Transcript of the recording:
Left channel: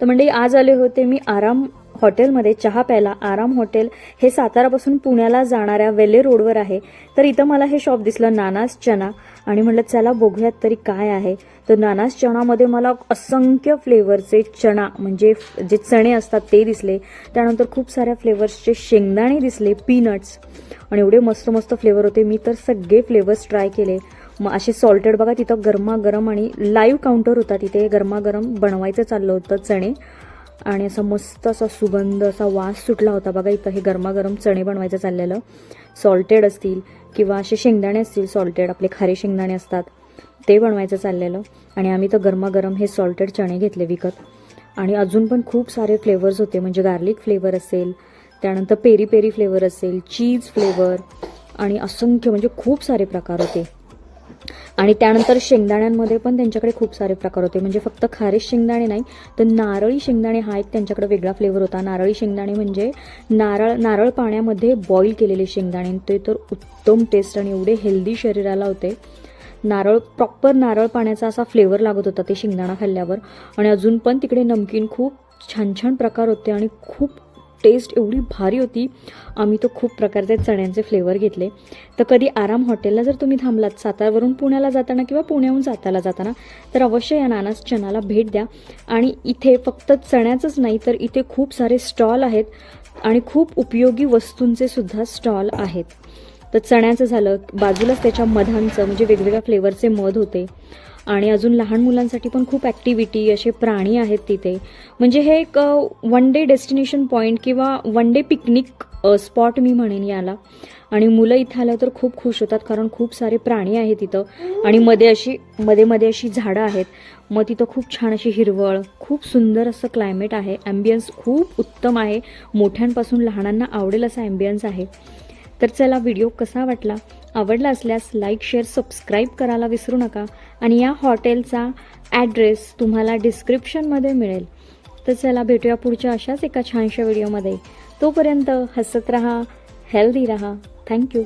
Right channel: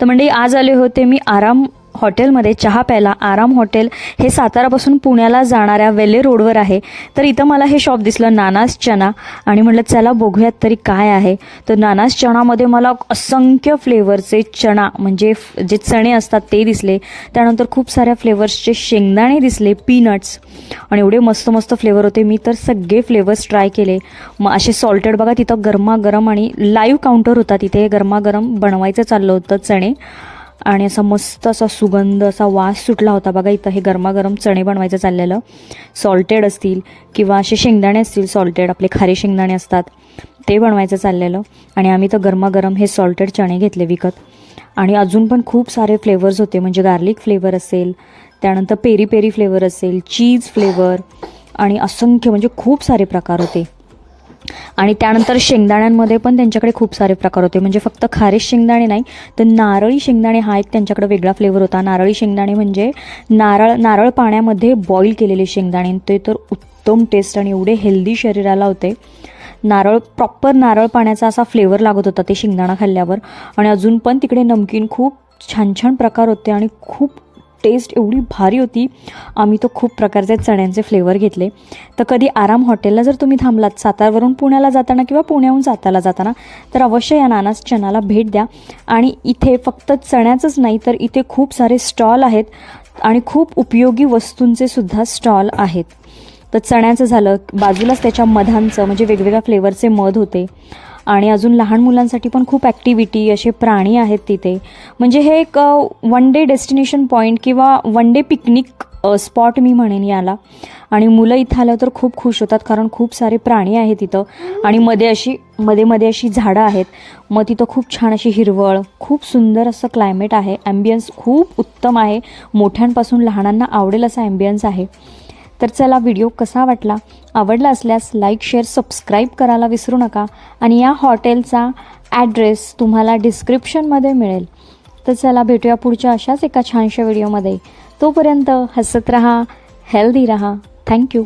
तर म्हणजे आज आले होते मी आराम हॉटेलमध्ये चहा प्यायला आराम हॉटेल हे सातारापासून पुण्याला जाणाऱ्या वेले रोडवर आहे. तर इथं मला हे शॉप दिसलं नानास चना आणि म्हटलं चला बघूयात तरी काय आहे. तर नानास चणामध्ये मला असंख्य फ्लेवरचे चणा म्हणजे जे चणे असतात ते दिसले. त्यानंतर खूप साऱ्या फ्लेवर्सचे शेंगदाणे दिसले पीनट्स आणि एवढे मस्त मस्त फ्लेवर होते. मी तर सगळे फ्लेवर्स ट्राय केले. मग असे सॉल्टेड बघा तिथं गरमागरम आणि लाईव्ह काउंटर होता. तिथे गरमागरम बनवायचं चाललं होतं चणे. आणि असा मस्त असा सुगंध असा वास सुटला होता. बघा इथं हे गरमागरम चणे बनवायचं चाललेलं. सॉल्टेड असतील किंवा असे शेंगदाणे असतील सॉल्टेड आपले खारे शेंगदाणे असतात ते बनवायचं चाललेलं. आणि आम्ही तर गरमागरम हे सॉल्टेड चणे घेतले विकत. आणि अजून पण खूप सारे फ्लेवर्स होते. म्हणजे गार्लिक फ्लेवर असेल त्यानंतर पेरी पेरी फ्लेवर असेल चीज फ्लेवर आणि असंख्य म्हणजे खूप सारे प्रकार होते. आणि त्यानंतर शेंगदाण्यांमध्ये पण त्यांच्याकडे खूप सारे प्रकार होते. म्हणजे फक्त खारे शेंगदाणे नाही तर नारळी शेंगदाणे हा एक त्यांच्याकडे वेगळा फ्लेवर होता. नारळी शेंगदाणे म्हणजे नारळ नारळ पाण्यामध्ये बॉईल केलेले शेंगदाणे. ते तर उत्तम टेस्ट आणि एवढे हेल्दी शरीराला होते. नारळ प्रॉपर नारळ पाण्याचा असा फ्लेवर लागत होता ते शेंगदाणा खाल्ल्यावर. आणि अजून पण तिकडे नमकीन खूप छान छान प्रकार होते आणि खूप टेस्ट एवढी भारी होती. आम्ही तो खूप प्रकारचे चण्यांचे फ्लेवर घेतले. तर कधी आराम हॉटेलला जर तुम्ही थांबलात सातारवरून पुण्याला जाताना किंवा पुण्याहून सातारला जाताना तर अवश्य या नानास चणाला भेट द्या. आणि इथे फक्त चण्याचंच नाही तर इथे खूप सारे स्टॉल आहेत आणि खूप उपयोगी वस्तूंचे सुद्धा स्टॉल आहेत. तर चण्याचं झालं बाजूलाच त्याच्या मधांचं म्हणजे वेगवेगळ्या फ्लेवरचे मध होते. आणि अजून लहान मुलांसाठी पण खूप ॲक्टिव्हिटी असे प्राणी आहेत तिथे. म्हणजे हे एक वन डे डेस्टिनेशन पॉईंट किंवा वन डे पिकनिक स्पॉट मी म्हणेन याला. आणि मुलं इथं आलं तर खूप खुश होतात कारण खूप सारे प्राणी आहेत तिथं आणि मध्ये अशी मध्ये मध्ये अशी झाडं आहेत. मग तिथं खूप छान अशी हिरवळ खूप सुंदर असं क्लायमेट आहे. ॲम्बियन्स खूप उत्तम आहे. मोठ्यांपासून लहानांना आवडेल असा ॲम्बियन्स आहे. तर चला व्हिडिओ कसा वाटला आवडला असल्यास लाईक शेअर सबस्क्राईब करायला विसरू नका आणि या हॉटेलचा ॲड्रेस तुम्हाला डिस्क्रिप्शनमध्ये मिळेल. तर चला भेटूया पुढच्या अशाच एका छानशा व्हिडिओमध्ये तोपर्यंत हसत राहा हेल्दी राहा. थँक्यू